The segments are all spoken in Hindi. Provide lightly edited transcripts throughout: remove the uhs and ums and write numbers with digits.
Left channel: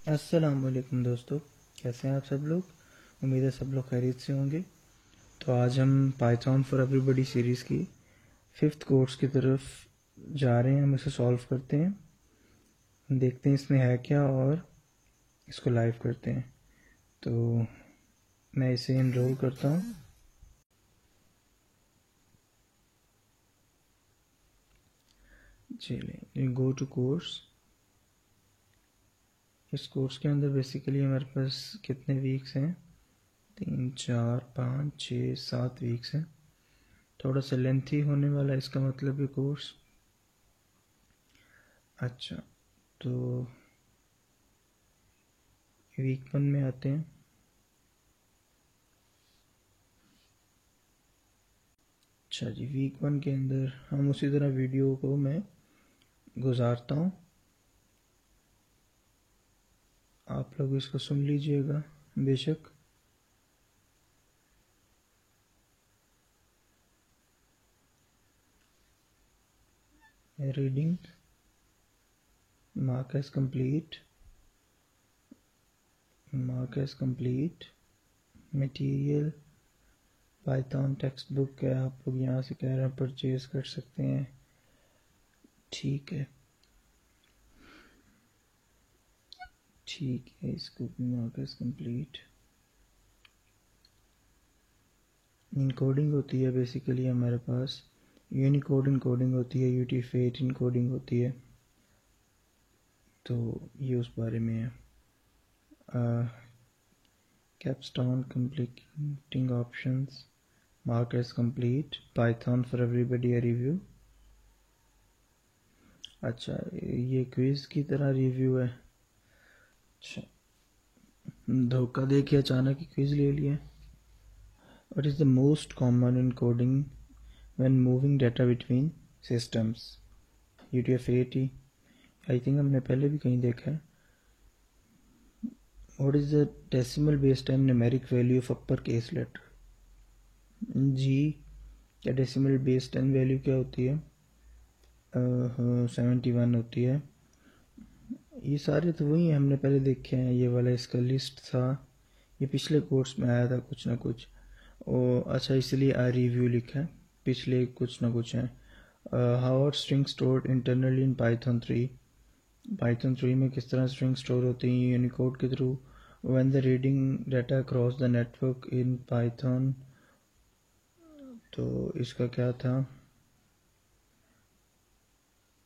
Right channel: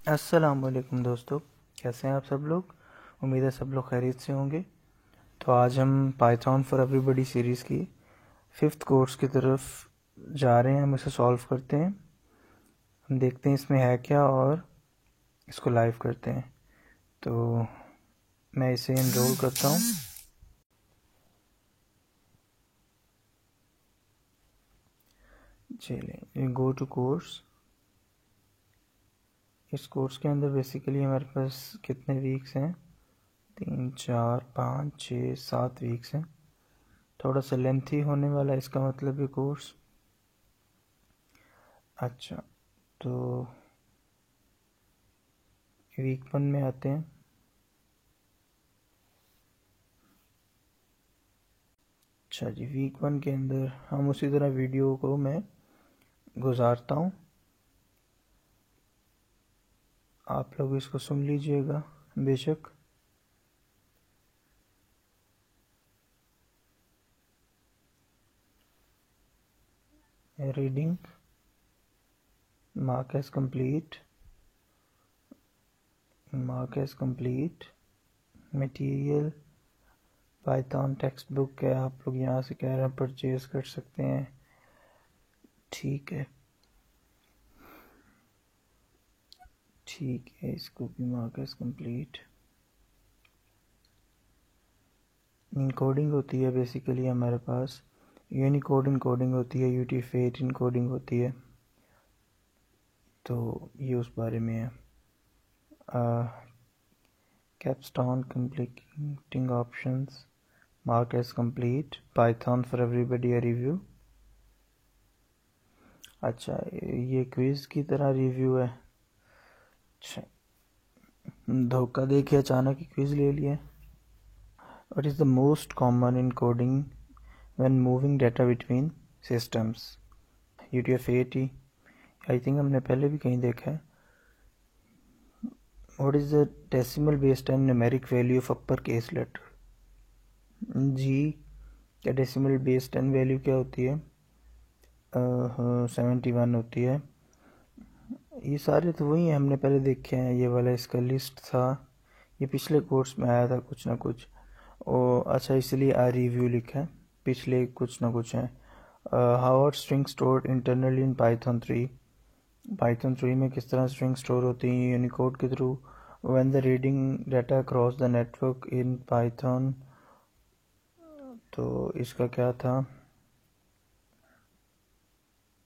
अस्सलाम वालेकुम दोस्तों, कैसे हैं आप सब लोग। उम्मीद है सब लोग खैरियत से होंगे। तो आज हम पाइथन फॉर एवरीबॉडी सीरीज़ की 5th कोर्स की तरफ जा रहे हैं। हम इसे सॉल्व करते हैं, हम देखते हैं इसमें है क्या और इसको लाइव करते हैं। तो मैं इसे एनरोल करता हूँ। चलिए, गो टू कोर्स। इस कोर्स के अंदर बेसिकली हमारे पास कितने वीक्स हैं? 3, 4, 5, 6, 7 वीक्स हैं। थोड़ा सा लेंथी होने वाला है इसका मतलब है कोर्स। अच्छा, तो वीक 1 में आते हैं। अच्छा जी, वीक 1 के अंदर हम उसी तरह वीडियो को मैं गुजारता हूँ, आप लोग इसको सुन लीजिएगा बेशक। Reading mark as complete, material Python textbook है, आप लोग यहाँ से कह रहे हैं परचेज कर सकते हैं। ठीक है, इसको भी मार्क एज कंप्लीट। इनकोडिंग होती है बेसिकली हमारे पास, यूनिकोड इनकोडिंग होती है, UTF-8 इनकोडिंग होती है, तो ये उस बारे में है। Capstone completing options marked as complete, Python for everybody review. अच्छा, ये क्विज की तरह रिव्यू है। अच्छा, धोखा दे के अचानक क्विज ले लिया। What is the most common encoding when moving data between systems? UTF-8 I think हमने पहले भी कहीं देखा है। What is the decimal base 10 numeric value of uppercase letter? G या डेसिमल बेस 10 वैल्यू क्या होती है? 71 होती है। ये सारे तो वही हैं, हमने पहले देखे हैं। ये वाला इसका लिस्ट था, ये पिछले कोर्स में आया था कुछ ना कुछ। अच्छा, इसलिए आई रिव्यू लिखा है, पिछले कुछ ना कुछ है। How are string stored internally in Python 3? Python 3 में किस तरह स्ट्रिंग स्टोर होती हैं? यूनिकोड के through. When the reading data across the network in Python, तो इसका क्या था?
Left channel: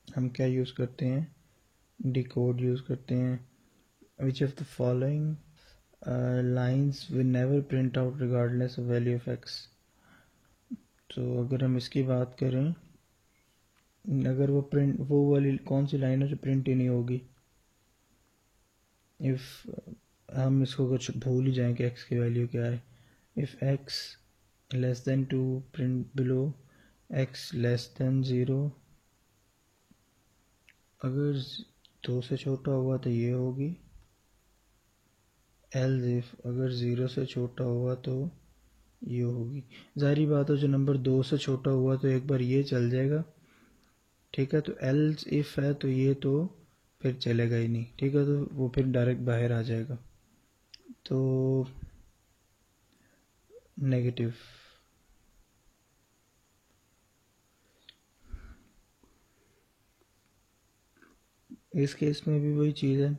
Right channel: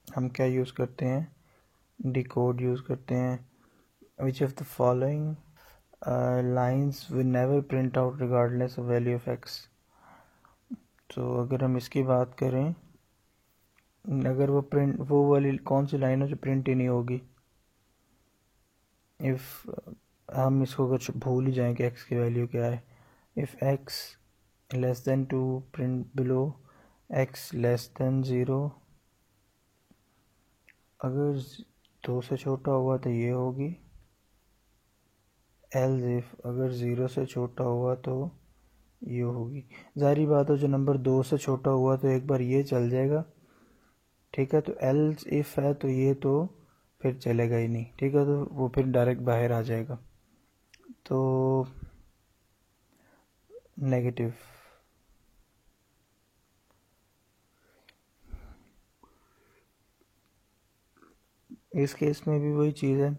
हम क्या यूज़ करते हैं? डिकोड यूज़ करते हैं। Which of the following lines will never print out regardless of value of x? तो अगर हम इसकी बात करें, अगर वो वाली कौन सी लाइन है जो प्रिंट ही नहीं होगी? इफ़ हम इसको अगर भूल जाएं कि एक्स की वैल्यू क्या है, if x less than 2 print below x less than 0। अगर 2 से छोटा हुआ तो ये होगी। एल्स इफ अगर 0 से छोटा हुआ तो ये होगी। जारी बात है, जो नंबर 2 से छोटा हुआ तो एक बार ये चल जाएगा, ठीक है। तो एल्स इफ है तो ये तो फिर चलेगा ही नहीं, ठीक है, तो वो फिर डायरेक्ट बाहर आ जाएगा, तो नेगेटिव। इस केस में भी वही चीज़ है।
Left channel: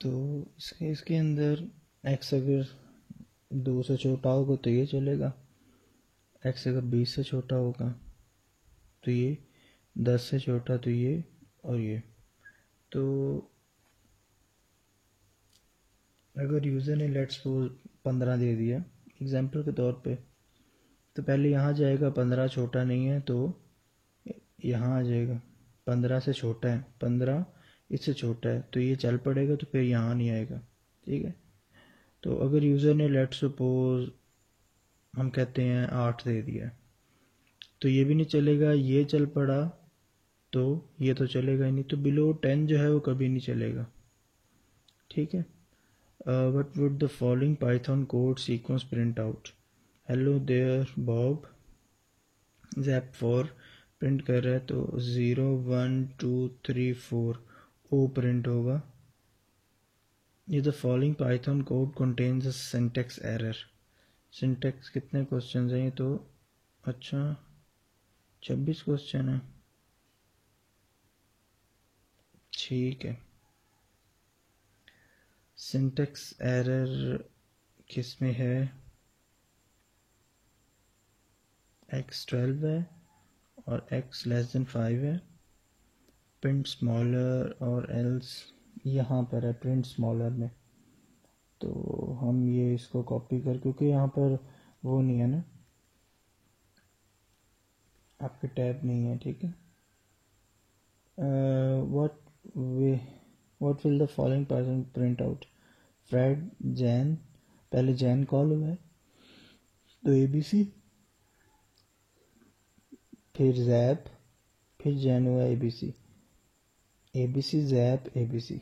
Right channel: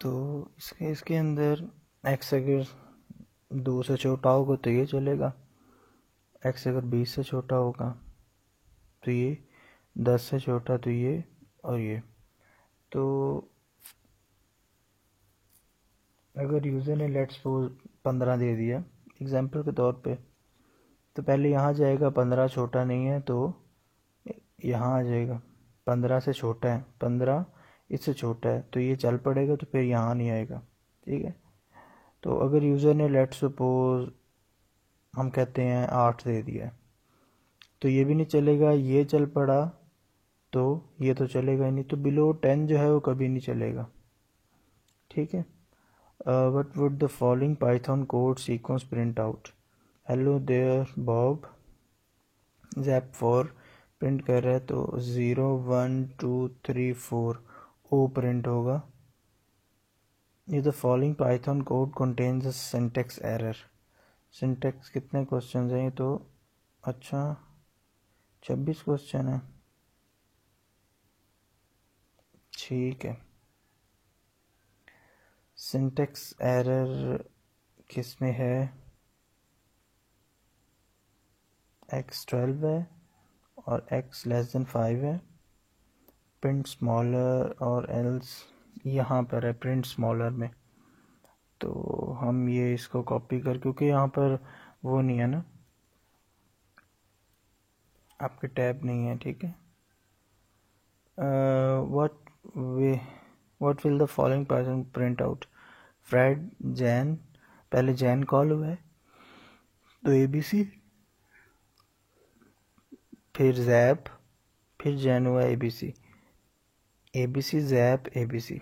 तो इस केस के अंदर एक्स अगर 2 से छोटा होगा तो ये चलेगा, एक्स अगर 20 से छोटा होगा तो ये, 10 से छोटा तो ये, और ये। तो अगर यूज़र ने लेट्स सपोज 15 दे दिया एग्जांपल के तौर पे, तो पहले यहाँ जाएगा, 15 छोटा नहीं है तो यहाँ आ जाएगा। 15 से छोटा है, 15 इससे छोटा है तो ये चल पड़ेगा, तो फिर यहाँ नहीं आएगा, ठीक है। तो अगर यूज़र ने लेट्स सपोज हम कहते हैं 8 दे दिया, तो ये भी नहीं चलेगा, ये चल पड़ा तो ये तो चलेगा ही नहीं, तो बिलो 10 जो है वो कभी नहीं चलेगा, ठीक है। What would the following Python code sequence print out? Hello there Bob, Zap4 print कर रहा है तो 0 1 2 3 4 ओ प्रिंट होगा। ये the following Python code contains a syntax error. Syntax कितने क्वेश्चन हैं? तो अच्छा 26 क्वेश्चन है, ठीक है। सिंटैक्स एरर किस में है? x12 है और x लेस देन 5 है। प्रिंट स्मॉलर और एल्स यहाँ पर है प्रिंट स्मॉलर में। तो हम ये इसको कॉपी कर, क्योंकि यहाँ पर वो नहीं है ना, आपके टैब नहीं है, ठीक है। What will the following Python print out? Fred, Jane, पहले जैन कॉल हुआ है तो ABC, फिर जैप, फिर जैन हुआ ABC, जैप ABC,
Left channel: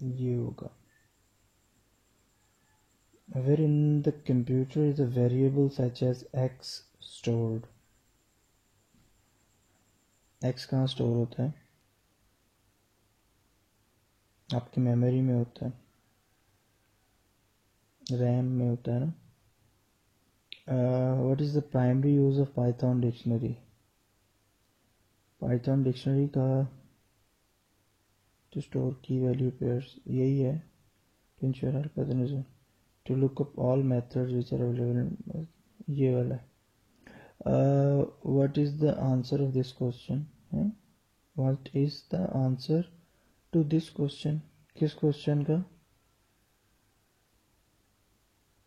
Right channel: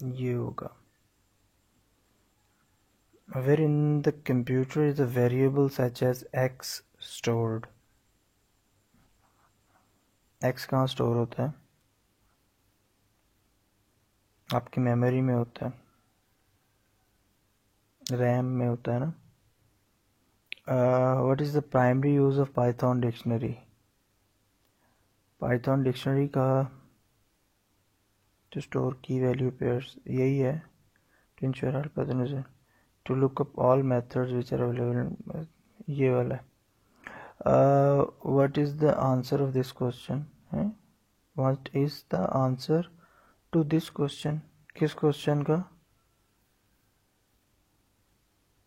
ये होगा। Where in the computer is a variable such as x stored? x कहाँ स्टोर होता है? आपकी मेमोरी में होता है, रैम में होता है ना। What is the primary use of Python dictionary? Python dictionary का to store key value pairs, यही है। To ensure all pattern, to look up all methods which are available, ये वाला है। What is the answer of this question है? What is the answer to this question? किस क्वेश्चन का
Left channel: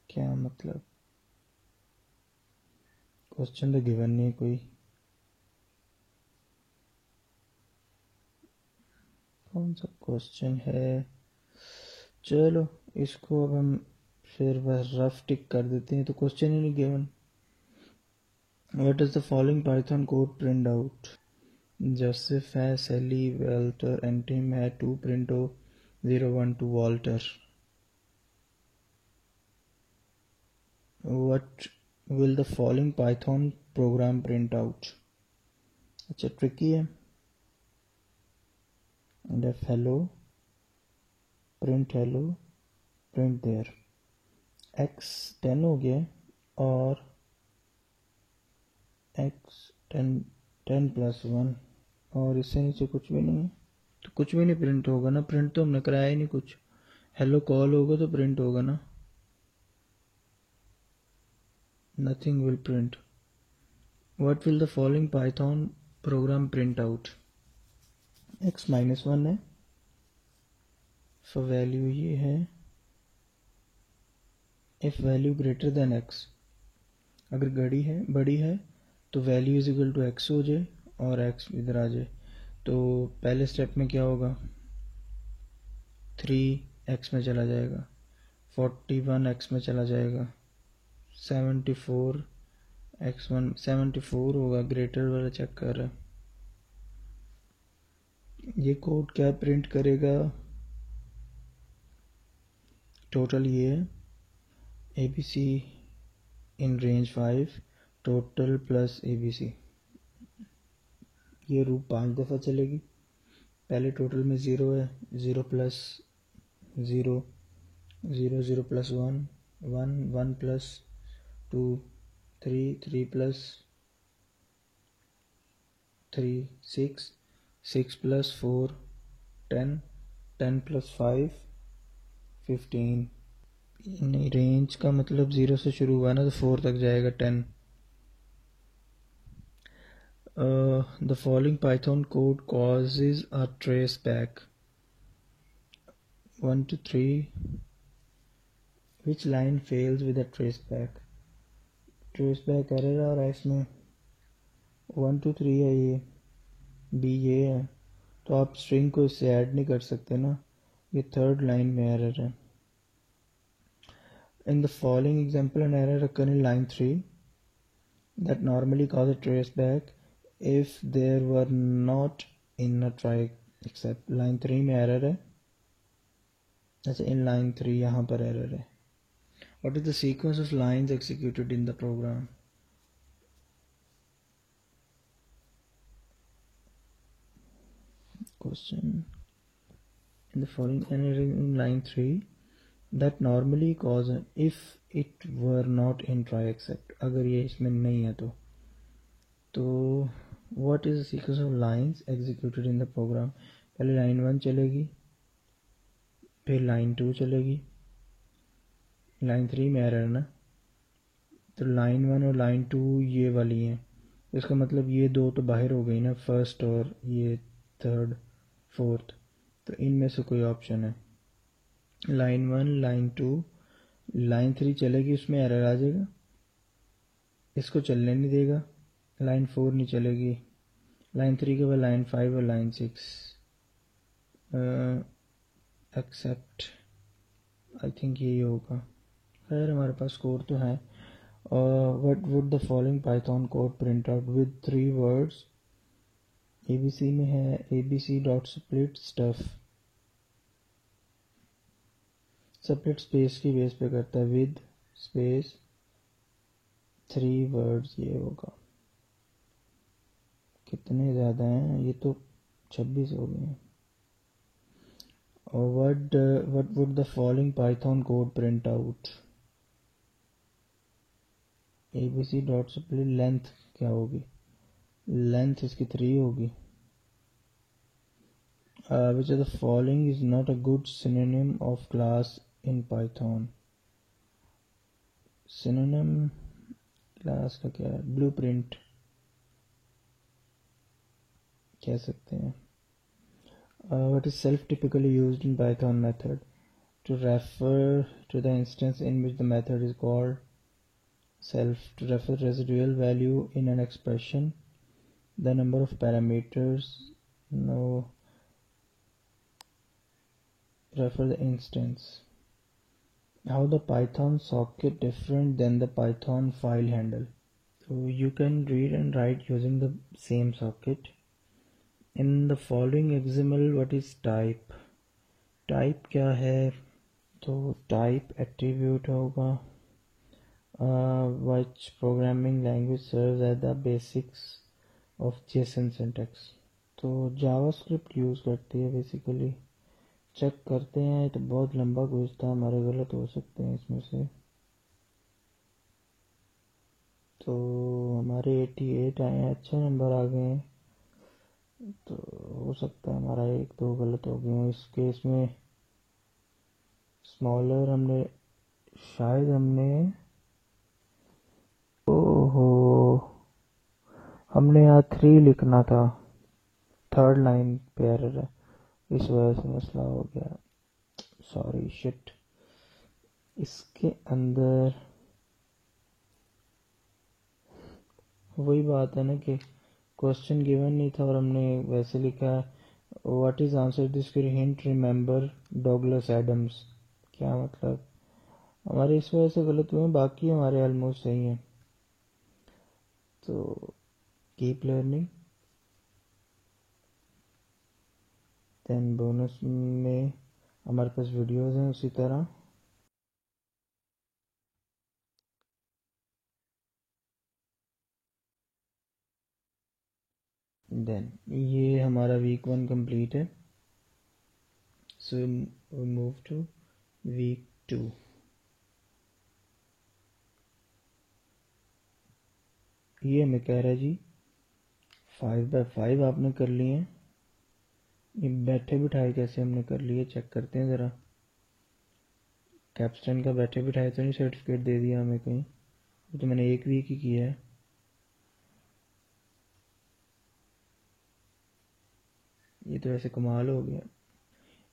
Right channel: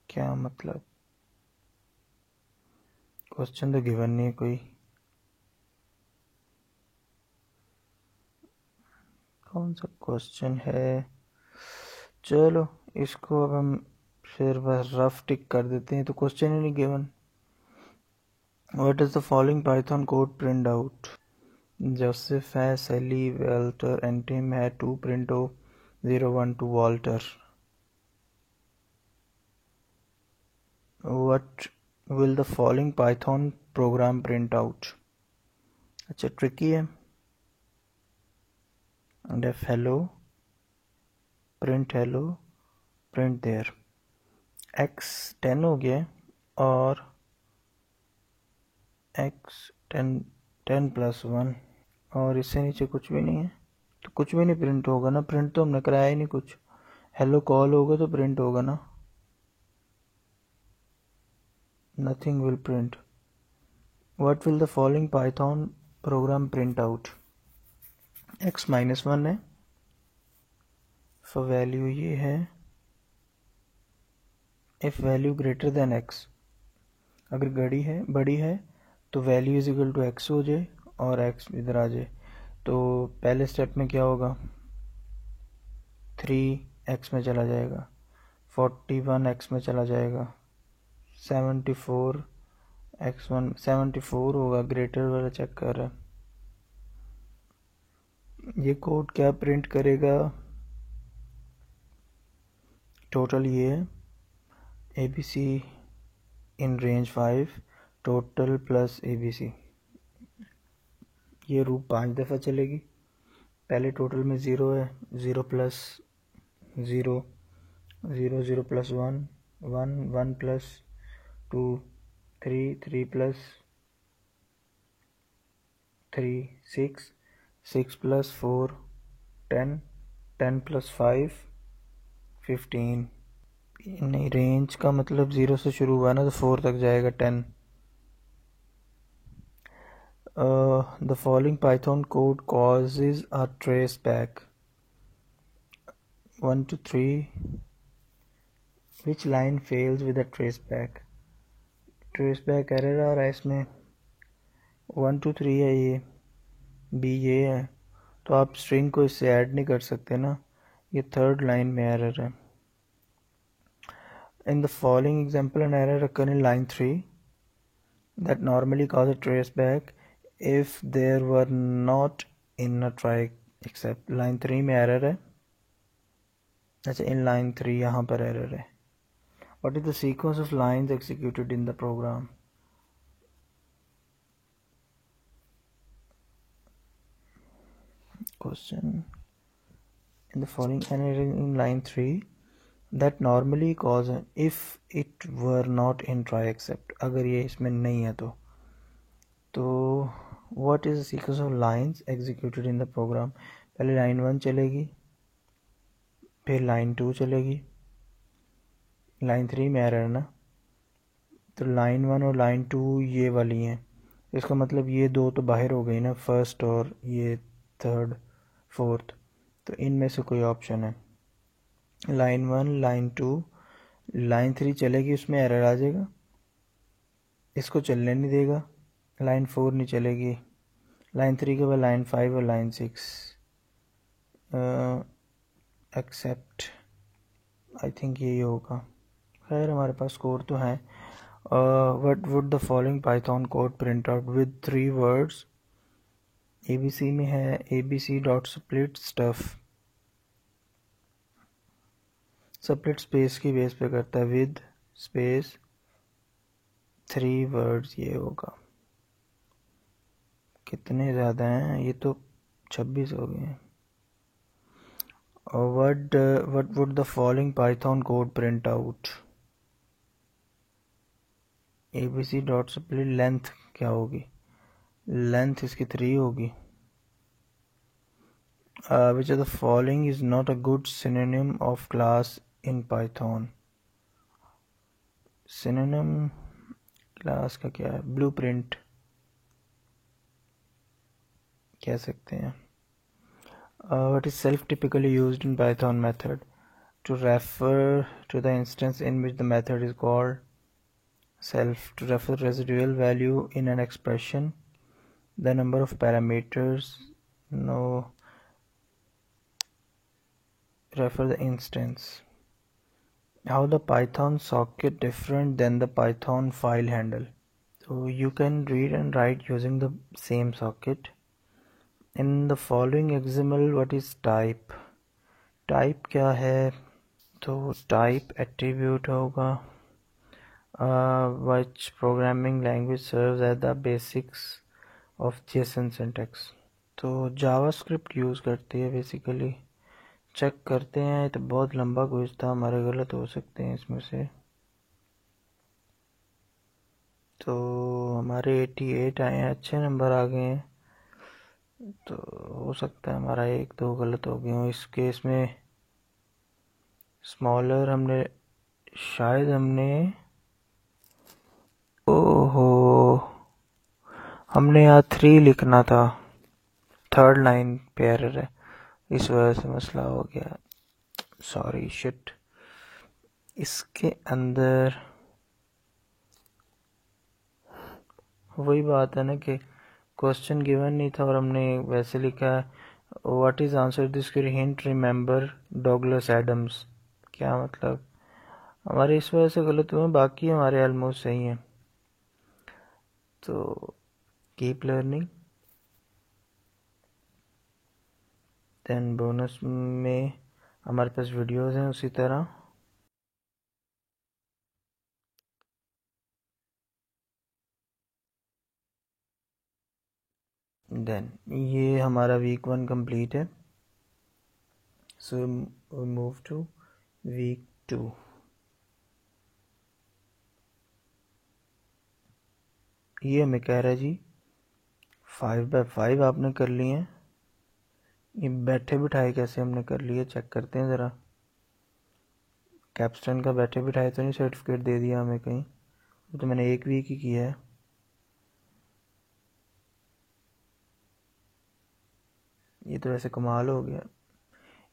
क्या मतलब? क्वेश्चन तो गिवन नहीं है कोई। कौन सा क्वेश्चन है? चलो इसको अब हम फिर बस रफ टिक कर देते हैं, तो क्वेश्चन ही नहीं given. What is the following Python code print out? Joseph है, सैली, वेल्टर एंड टिम है, 2 प्रिंटो 012 Walter. What will the following Python program print out? अच्छा ट्रिकी है। def hello, print there। x 10 हो गया और x 10 प्लस 1, और इससे नीचे कुछ भी नहीं है, तो कुछ भी नहीं प्रिंट होगा ना। प्रिंट तो हमने कराया ही नहीं कुछ। हेलो कॉल होगा तो प्रिंट होगा ना, nothing will print. What will the following Python program print out? x -1 है, सो वैल्यू ये है if value greater than x। अगर बड़ी है तो value is equal to x हो जाए और x इधर आ जाए। तो पहले स्टेप में क्या होगा? 3x में चला जाएगा, 41x में चला जाएगा, 74 x1 74 होगा, ग्रेटर वाला चेक कर रहा है। ये कोड क्या प्रिंट करेगा? टोटल ये है ABC in range 5 total plus ABC। ये रूप 5 दफ़ा चलेगी। पहले टोटल में 0 है, 0 plus 0, 0 0 plus 1 1 1 plus 2 3 3 plus 3 6 6 plus 4 10 10 plus 5 15। नहीं, रेंज का मतलब 0 से शुरू हुआ ना, तो 4 तक जाएगा 10। The following Python code causes a traceback. 1 to 3. Which line fails with a traceback? Traceback error आ रहा है इसमें। 1 to 3 है ये, B ये है, तो आप स्ट्रिंग को इससे ऐड नहीं कर सकते ना, ये थर्ड लाइन में एरर है। In the following example, an error occurs in line 3 that normally causes traceback if there were not in a try except। line 3 में error है। अच्छा, in line 3 यहाँ पर error है। What is the sequence of lines executed in the program? Question in the following error in line 3 that normally cause if it were not in try except, अगर ये इसमें नहीं है तो what is the sequence of lines executed in the program? पहले line 1 चलेगी, फिर line 2 चलेगी, line 3 में एरर है ना, तो line 1 और line 2 ये वाली हैं, इसका मतलब ये दो तो बाहर हो गई ना, फर्स्ट और ये थर्ड फोर्थ, तो इनमें से कोई ऑप्शन है। लाइन 1 लाइन 2 लाइन 3 चलेगी, उसमें एरर आ जाएगा, इसको चलने नहीं देगा। लाइन 4 नहीं चलेगी, लाइन 3 के बाद लाइन 5 और लाइन 6 एक्सेप्ट, आई थिंक यही होगा। खैर हमारे पास कोड तो है। What would the following Python code print out with 3 words? ABC में है ABC dot split stuff, split space की बेस पे करता है, विद स्पेस 3 वर्ड्स, ये होगा। कितने ज़्यादा हैं, ये तो 26 हो गए हैं। और what would the following Python code print out? ABC dot split length क्या होगी? लेंथ इसकी 3 होगी। Which of the following is not a good synonym of class in Python? Synonym class का क्या है? ब्लूप्रिंट कह सकते हैं। What is self typically used in Python method to refer to the instance in which the method is called? Self to refer residual value in an expression, the number of parameters, no, refer the instance. How the Python socket different than the Python file handle? So you can read and write using the same socket. In the following XML, what is type? Type क्या है? तो type attribute होगा, which programming language serves as the basics of JSON syntax. तो JavaScript यूज़ करती है बेसिकली। चेक करते हैं, तो बहुत लंबा क्विज था हमारे, गलत हो सकते हैं इसमें से। तो हमारे 88 आए हैं, अच्छे नंबर आ गए हैं, तो हो सकता है हमारा 1-2 गलत हो गए हो। इस केस में स्मॉलर हमने यहाँ 3 लिखना था, 3rd लाइन पे एरर है, इस वजह से मसला हो गया, सॉरी शिट। इसके अंदर वही बात है ना कि क्वेश्चन गिवन नहीं था और हमने वैसे लिखा है what is answer this hint remember Douglas Adams. क्या मतलब, हमारे इस वजह से गलत हुए, बाकी हमारे ऑलमोस्ट सही हैं। तो कीप लर्निंग। देन बोनस में हमारे पास वीडियोस हैं उसी तरह। देन ये हमारा वीक 1 कंप्लीट है, सो मूव टू वीक 2। ये हमें कह रहा है जी 5x5 आपने कर लिए हैं, ये बैठे बिठाए कैसे हमने कर लिए, चेक करते हैं ज़रा। कैप्स्टन का बैठे बिठाए तो नहीं सर्टिफिकेट दे दिया हमें कहीं? तो मैंने 1 वीक ही किया है। ये तो वैसे कमाल हो गया,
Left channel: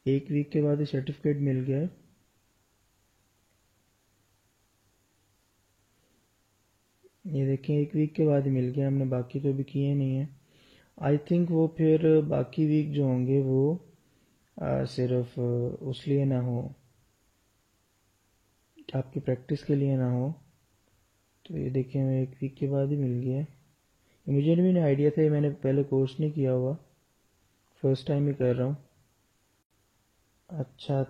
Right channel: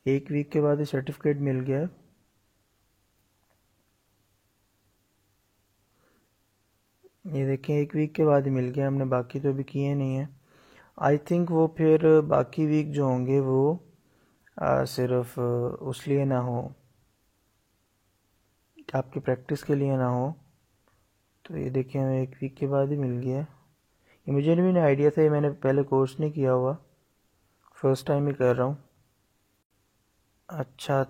1 वीक के बाद ही सर्टिफिकेट मिल गया। ये देखें 1 वीक के बाद ही मिल गया, हमने बाकी तो अभी किए नहीं है। आई थिंक वो फिर बाकी वीक जो होंगे वो सिर्फ उस लिए ना हो, आपकी प्रैक्टिस के लिए ना हो। तो ये देखिए हमें 1 वीक के बाद ही मिल गया। ये मुझे भी नहीं आइडिया था, ये मैंने पहले कोर्स नहीं किया हुआ, फर्स्ट टाइम ही कर रहा हूँ। अच्छा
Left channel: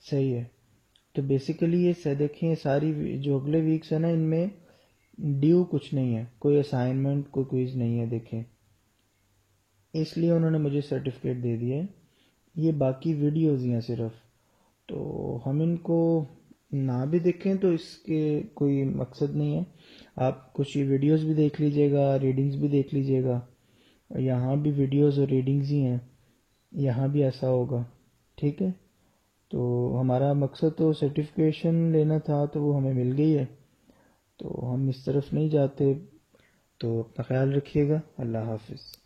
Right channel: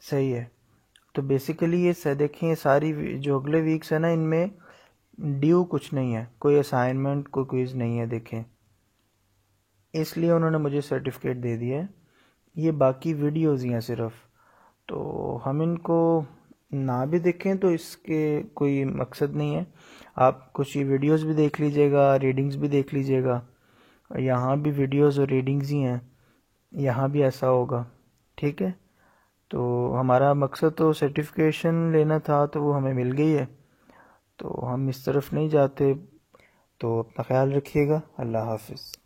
सही है। तो बेसिकली ये देखें, ये सारी जो अगले वीक्स है ना, इनमें ड्यू कुछ नहीं है, कोई असाइनमेंट कोई क्विज नहीं है। देखें इसलिए उन्होंने मुझे सर्टिफिकेट दे दिया है। ये बाकी वीडियोज़ ही हैं सिर्फ, तो हम इनको ना भी देखें तो इसके कोई मकसद नहीं है। आप कुछ ये वीडियोज़ भी देख लीजिएगा, रीडिंग्स भी देख लीजिएगा। यहाँ भी वीडियोज़ और रीडिंग्स ही हैं, यहाँ भी ऐसा होगा। ठीक है, तो हमारा मकसद तो सर्टिफिकेशन लेना था, तो वो हमें मिल गई है, तो हम इस तरफ नहीं जाते। तो अपना ख्याल रखिएगा। अल्लाह हाफिज़।